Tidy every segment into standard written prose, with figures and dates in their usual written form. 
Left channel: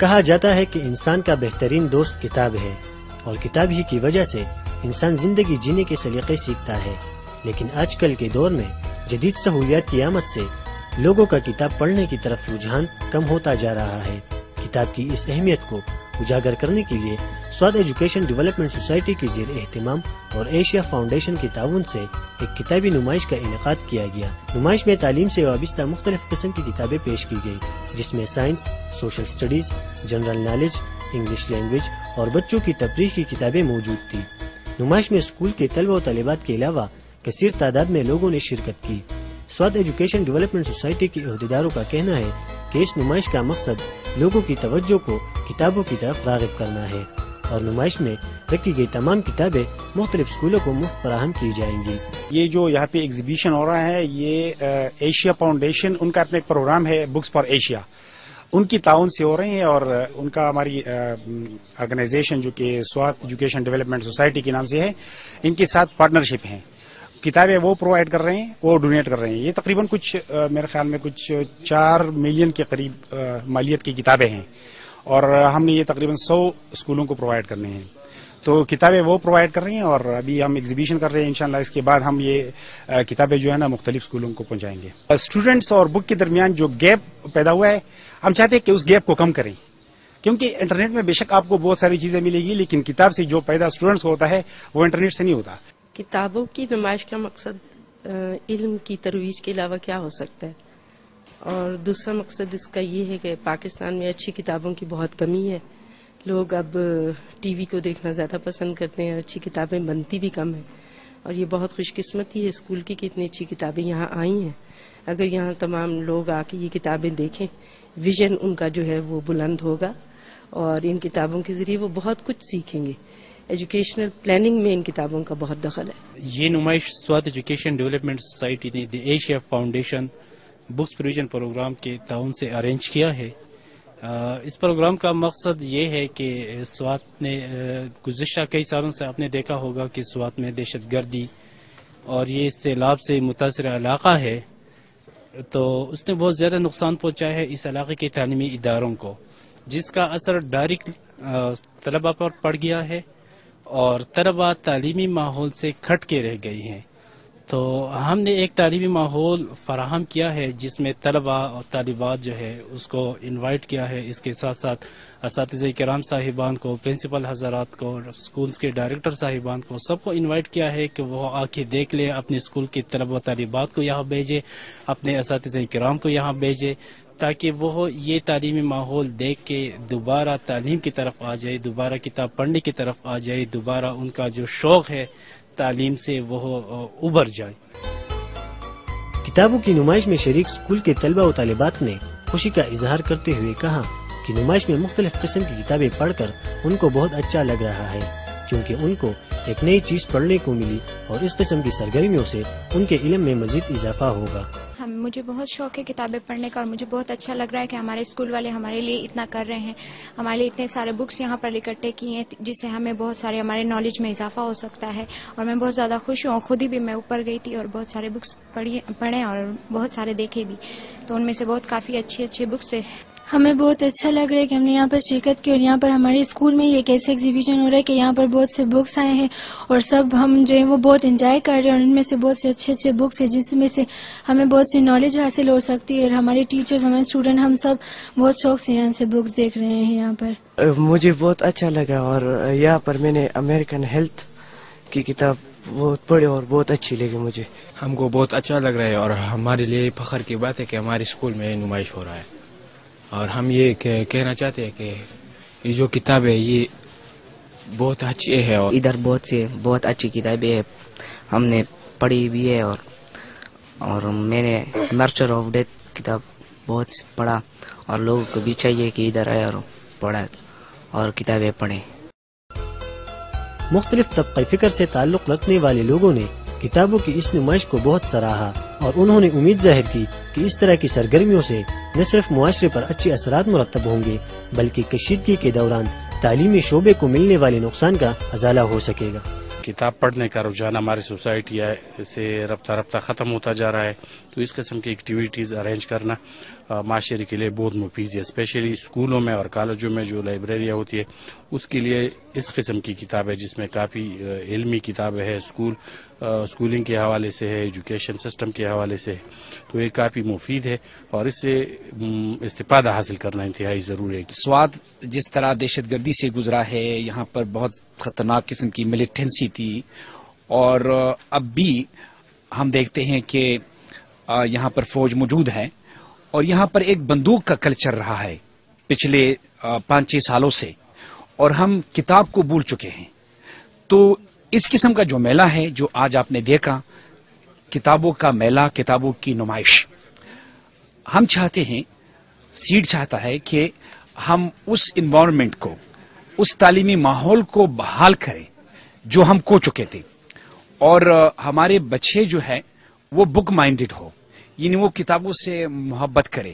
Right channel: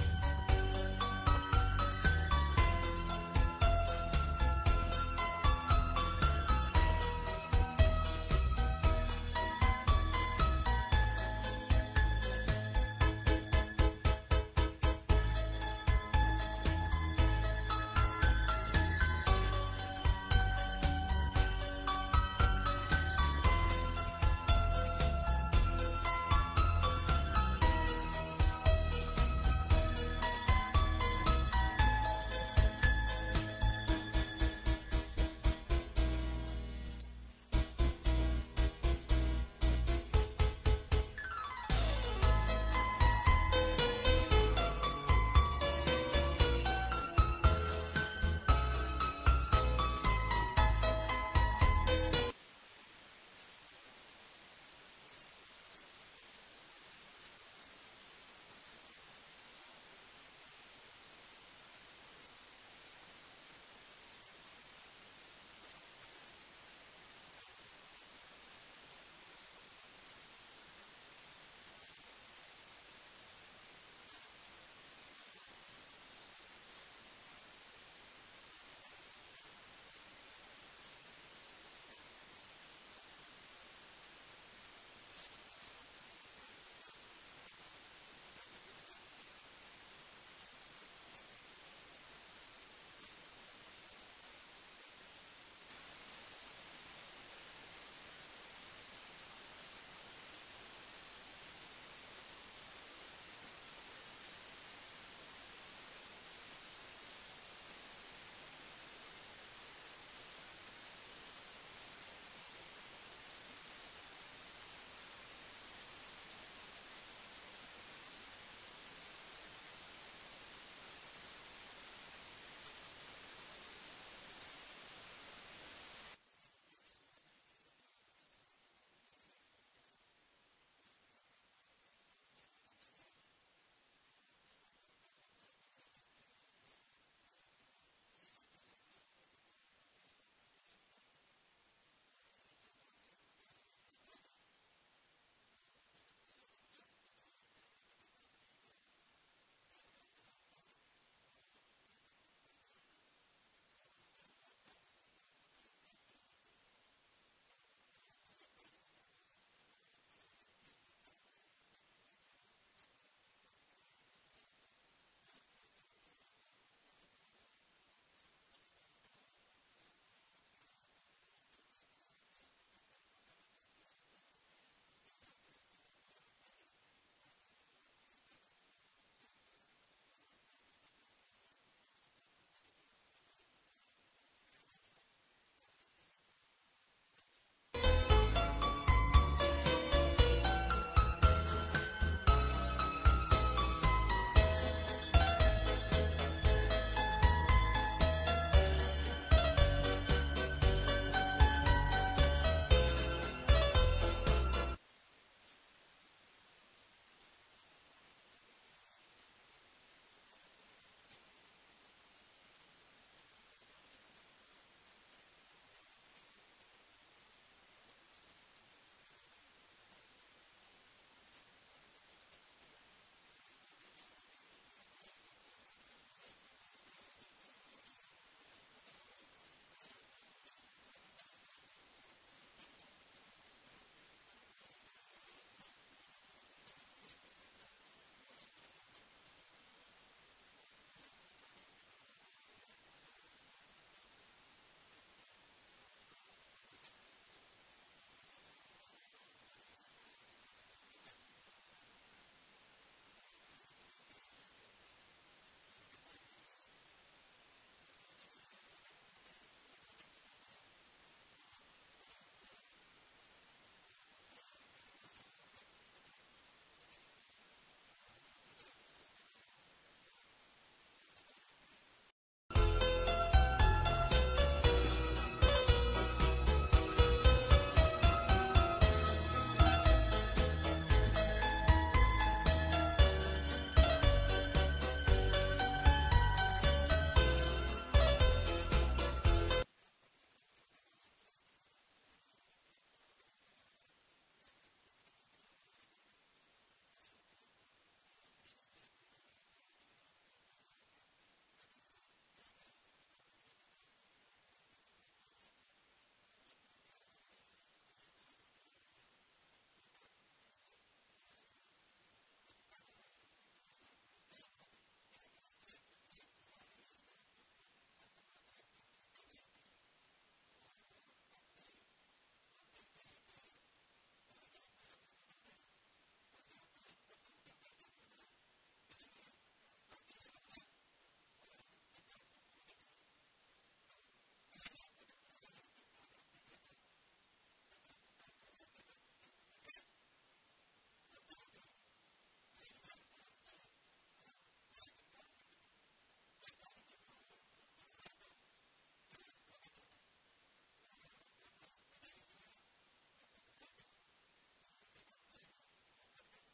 کہا جاتا ہے کہ انسان کا بہترین دوست کتاب ہے اور کتاب ہی کی وجہ سے انسان زندگی جینے کے سلیقے سیکھتا ہے، لیکن آج کل کے دور میں جدید سہولیات کی آمد سے لوگوں کا کتاب پڑھنے کی طرف رجحان کم ہوتا جا رہا ہے۔ کتاب کی اس اہمیت کو اجاگر کرنے کے لیے سوات ایجوکیشن ڈیولپمنٹ سوسائٹی کی زیر اہتمام اور ایشیا فاؤنڈیشن کے تعاون سے ایک کتابی نمائش کا انعقاد کیا گیا۔ نمائش میں تعلیم سے وابستہ مختلف قسم کی کتابیں پیش کی گئی، جس میں science, social studies, general knowledge, English language اور بچوں کی تفریح کی کتابیں موجود تھیں۔ نمائش میں اسکول کے طلبہ و طالبات کے علاوہ کثیر تعداد میں لوگوں نے شرکت کی۔ سوات ایجوکیشن ڈیولپمنٹ سوسائٹی کے عہدیداروں کا کہنا ہے کہ اس نمائش کا مقصد لوگوں کی توجہ کو کتابوں کی طرف راغب کرنا ہے اور نمائش میں رکھی گئی تمام کتابیں مختلف اسکولوں کو مفت فراہم کی جائیں گی۔ یہ جو یہاں پہ ایگزیبیشن ہو رہا ہے، یہ ایشیا فاؤنڈیشن، ان کا اپنا ایک پروگرام ہے بکس فار ایشیا، ان کی تعاون سے ہو رہے ہیں، اور ان کا ہماری آرگنائزیشن جو کہ سوات ایجوکیشن ڈیولپمنٹ سوسائٹی کے نام سے ہے، ان کے ساتھ پارٹنرشپ ہیں۔ کتابیں وہ پرووائڈ کر رہے ہیں، وہ ڈونیٹ کر رہے ہیں۔ یہ تقریباً کچھ میرے خیال میں کچھ 4 ملین کے قریب مالیت کی کتابیں ہیں، اور ہم نے یہ تقریباً 100 اسکولوں کو پرووائڈ کرنے ہیں۔ تو کتابیں وہ پرووائڈ کر رہی ہیں، اور ابھی ہم ایگزیبیشن کر رہے ہیں، انشاءاللہ اس کے بعد ہم یہ کتابیں جو ہے نا مختلف اسکولوں کو پہنچائیں گے۔ اسٹوڈنٹس اور بک کے درمیان جو گیپ پیدا ہوا ہے، ہم چاہتے ہیں کہ اس گیپ کو کم کریں، کیونکہ انٹرنیٹ میں بے شک آپ کو بہت ساری چیزیں ملے گی، لیکن کتاب سے جو پیدا اسٹوڈنٹس کو ہوتا ہے وہ انٹرنیٹ سے نہیں ہوتا۔ کتابوں کی نمائش کا مقصد علم کی ترویج کے علاوہ کیا ہو سکتا ہے، اور دوسرا مقصد اس کا یہ ہے کہ پاکستان میں اچھی کتابوں کی بہت کمی ہے۔ لوگ اب ٹی وی کو دیکھنا زیادہ پسند کرتے ہیں، اچھی کتابیں بنتی بھی کم ہیں، اور یہ بہت خوش قسمتی ہے اسکول کی کہ اتنی اچھی کتابیں یہاں آئی ہیں۔ اگر یہاں تمام لوگ آ کے یہ کتابیں دیکھیں، ویژن ان کا جو ہے وہ بلند ہوگا، اور ان کتابوں کے ذریعے وہ بہت کچھ سیکھیں گے۔ ایجوکیشنل پلاننگ میں ان کتابوں کا بہت دخل ہے۔ یہ نمائش سوات ایجوکیشن ڈیولپمنٹ سوسائٹی نے the Asia Foundation books provision programme کے تعاون سے ارینج کیا ہے۔ اس پروگرام کا مقصد یہ ہے کہ سوات نے گزشتہ کئی سالوں سے آپ نے دیکھا ہوگا کہ سوات میں دہشت گردی اور یہ سیلاب سے متاثرہ علاقہ ہے، تو اس نے بہت زیادہ نقصان پہنچایا ہے اس علاقے کے تعلیمی اداروں کو، جس کا اثر ڈائریکٹ طلبہ پر پڑ گیا ہے، اور طلبہ تعلیمی ماحول سے کھٹ کے رہ گئی ہیں۔ تو ہم نے ایک تعلیمی ماحول فراہم کیا ہے جس میں طلبہ اور طالبات جو ہے اس کو انوائٹ کیا ہے، اس کے ساتھ ساتھ اساتذہ کرام صاحبان کو، پرنسپل حضرات کو، اسکولز کے ڈائریکٹر صاحبان کو، سب کو انوائٹ کیا ہے کہ وہ آ کے دیکھ لیں، اپنے اسکول کے طلبہ و طالبات کو یہاں بھیجے، اپنے اساتذہ کرام کو یہاں بھیجے، تاکہ وہ یہ تعلیمی ماحول دیکھ کے دوبارہ تعلیم کی طرف آ جائے، دوبارہ کتاب پڑھنے کی طرف آ جائے، دوبارہ ان کا جو شوق ہے تعلیم سے وہ ابھر جائے۔ کتابوں کی نمائش میں شریک اسکول کے طلبہ و طالبات نے خوشی کا اظہار کرتے ہوئے کہا کہ نمائش میں مختلف قسم کی کتابیں پڑھ کر ان کو بہت اچھا لگ رہا ہے، کیونکہ ان کو ایک نئی چیز پڑھنے کو ملی اور اس قسم کی سرگرمیوں سے ان کے علم میں مزید اضافہ ہوگا۔ مجھے بہت شوق ہے کتابیں پڑھنے کا، اور مجھے بہت اچھا لگ رہا ہے کہ ہمارے اسکول والے ہمارے لیے اتنا کر رہے ہیں، ہمارے لیے اتنے سارے بکس یہاں پر اکٹھے کی ہیں جس سے ہمیں بہت سارے ہمارے نالج میں اضافہ ہو سکتا ہے، اور میں بہت زیادہ خوش ہوں۔ خود ہی بھی میں اوپر گئی تھی اور بہت سارے بکس پڑھے اور بہت سارے دیکھے بھی، تو ان میں سے بہت کافی اچھے بکس ہے۔ ہمیں بہت اچھا لگ رہا ہے کہ ہم نے یہاں پر شرکت کی، اور یہاں پر ہمارے اسکول میں ایک ایسے ایگزیبیشن ہو رہا ہے کہ یہاں پر بہت سے بکس آئے ہیں، اور سب ہم جو ہیں وہ بہت انجوائے کر رہے ہیں، اور ان میں سے بہت سے اچھے بکس ہیں جس میں سے ہمیں بہت سی نالج حاصل ہو سکتی ہے، اور ہمارے ٹیچرز، ہمارے اسٹوڈنٹ، ہم سب بہت شوق سے یہاں سے بکس دیکھ رہے ہیں یہاں پر۔ مجھے بہت اچھا لگا، اور یہاں پر میں نے امریکن ہیلتھ کی کتاب بہت پڑھی اور بہت اچھی لگی مجھے۔ ہم کو بہت اچھا لگ رہا ہے، اور ہمارے لیے فخر کی بات ہے کہ ہمارے اسکول میں نمائش ہو رہا ہے، اور ہم یہ کہنا چاہتے ہیں کہ یہ جو کتاب ہے یہ بہت اچھی ہے، اور ادھر بہت اچھی کتابیں ہیں، ہم نے پڑھی بھی ہے، اور میں نے مرچر آف ڈیتھ کتاب بہت پڑھا، اور لوگوں کو بھی چاہیے کہ ادھر آئے اور پڑھا اور کتابیں پڑھیں۔ مختلف طبقہ فکر سے تعلق رکھنے والے لوگوں نے کتابوں کی اس نمائش کو بہت سراہا، اور انہوں نے امید ظاہر کی کہ اس طرح کی سرگرمیوں سے نہ صرف معاشرے پر اچھے اثرات مرتب ہوں گے، بلکہ کشیدگی کے دوران تعلیمی شعبے کو ملنے والے نقصان کا ازالہ ہو سکے گا۔ کتاب پڑھنے کا رجحان ہماری سوسائٹی سے رفتہ ختم ہوتا جا رہا ہے، تو اس قسم کی ایکٹیویٹیز ارینج کرنا معاشرے کے لیے بہت مفید ہے. اسپیشلی اسکولوں میں اور کالجوں میں جو لائبریریاں ہوتی ہے اس کے لیے اس قسم کی کتاب ہے جس میں کافی علمی کتابیں ہے، اسکولنگ کے حوالے سے ہے، ایجوکیشن سسٹم کے حوالے سے ہے، تو یہ کافی مفید ہے اور اس سے استفادہ حاصل کرنا انتہائی ضروری ہے. سوات جس طرح دہشت گردی سے گزرا ہے، یہاں پر بہت خطرناک قسم کی ملیٹنسی تھی، اور اب بھی ہم دیکھتے ہیں کہ یہاں پر فوج موجود ہے، اور یہاں پر ایک بندوق کا کلچر رہا ہے پچھلے 5-6 سالوں سے، اور ہم کتاب کو بھول چکے ہیں. تو اس قسم کا جو میلہ ہے جو آج آپ نے دیکھا، کتابوں کا میلہ، کتابوں کی نمائش، ہم چاہتے ہیں، سیڈ چاہتا ہے کہ ہم اس انوائرمنٹ کو، اس تعلیمی ماحول کو بحال کریں جو ہم کھو چکے تھے، اور ہمارے بچے جو ہے وہ بک مائنڈڈ ہو، یعنی وہ کتابوں سے محبت کرے.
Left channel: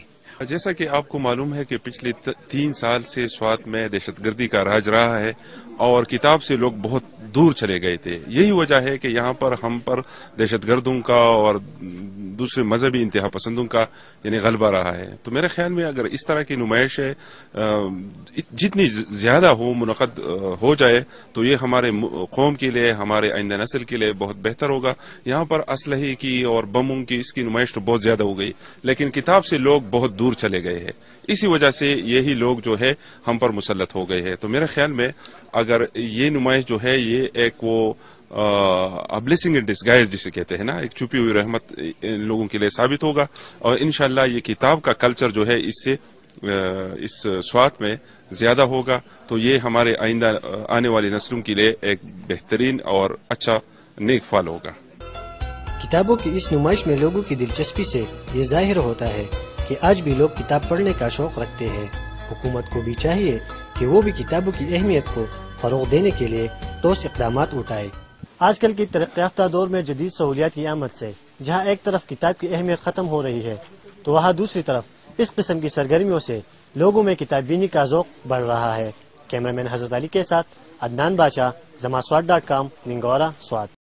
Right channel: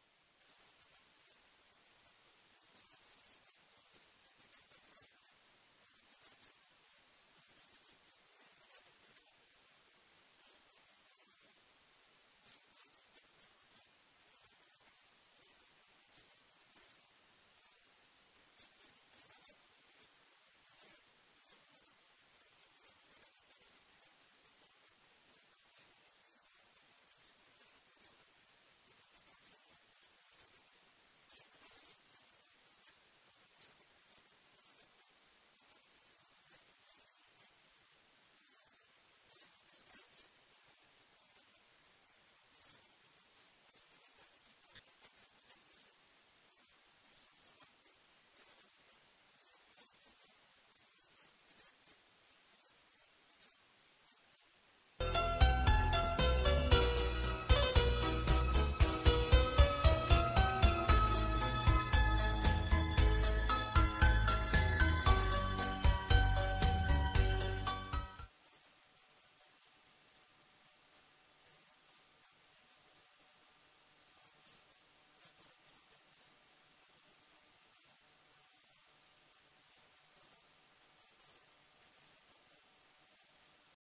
جیسا کہ آپ کو معلوم ہے کہ پچھلے 3 سال سے سوات میں دہشت گردی کا راج رہا ہے اور کتاب سے لوگ بہت دور چلے گئے تھے. یہی وجہ ہے کہ یہاں پر ہم پر دہشت گردوں کا اور دوسرے مذہبی انتہا پسندوں کا یعنی غلبہ رہا ہے. تو میرے خیال میں اگر اس طرح کی نمائش جتنی زیادہ منعقد ہو جائے تو یہ ہمارے قوم کے لیے، ہمارے آئندہ نسل کے لیے بہت بہتر ہوگا. یہاں پر اسلحے کی اور بموں کی اس کی نمائش تو بہت زیادہ ہو گئی، لیکن کتاب سے لوگ بہت دور چلے گئے ہیں. اسی وجہ سے یہی لوگ جو ہے ہم پر مسلط ہو گئے ہیں. تو میرے خیال میں اگر یہ نمائش جو ہے یہ ایک وہ بلیسنگ ان ڈسگائز جسے کہتے ہیں نا، ایک چھپی ہوئی رحمت ان لوگوں کے لیے ثابت ہوگا، اور انشاءاللہ یہ کتاب کا کلچر جو ہے اس سے اس سوات میں زیادہ ہوگا. تو یہ ہمارے آئندہ آنے والی نسلوں کے لیے ایک بہترین اور اچھا نیک فال ہوگا. کتابوں کی اس نمائش میں لوگوں کی دلچسپی سے یہ ظاہر ہوتا ہے کہ آج بھی لوگ کتاب پڑھنے کا شوق رکھتے ہیں. حکومت کو بھی چاہیے کہ وہ بھی کتابوں کی اہمیت کو فروغ دینے کے لیے ٹھوس اقدامات اٹھائے. آج کل کی ترقی یافتہ دور میں جدید سہولیات کی آمد سے جہاں ایک طرف کتاب کی اہمیت ختم ہو رہی ہے تو وہاں دوسری طرف اس قسم کی سرگرمیوں سے لوگوں میں کتاب بینی کا ذوق بڑھ رہا ہے. کیمرہ مین حضرت علی کے ساتھ عدنان بادشاہ، زماسوات.com، منگورا، سوات.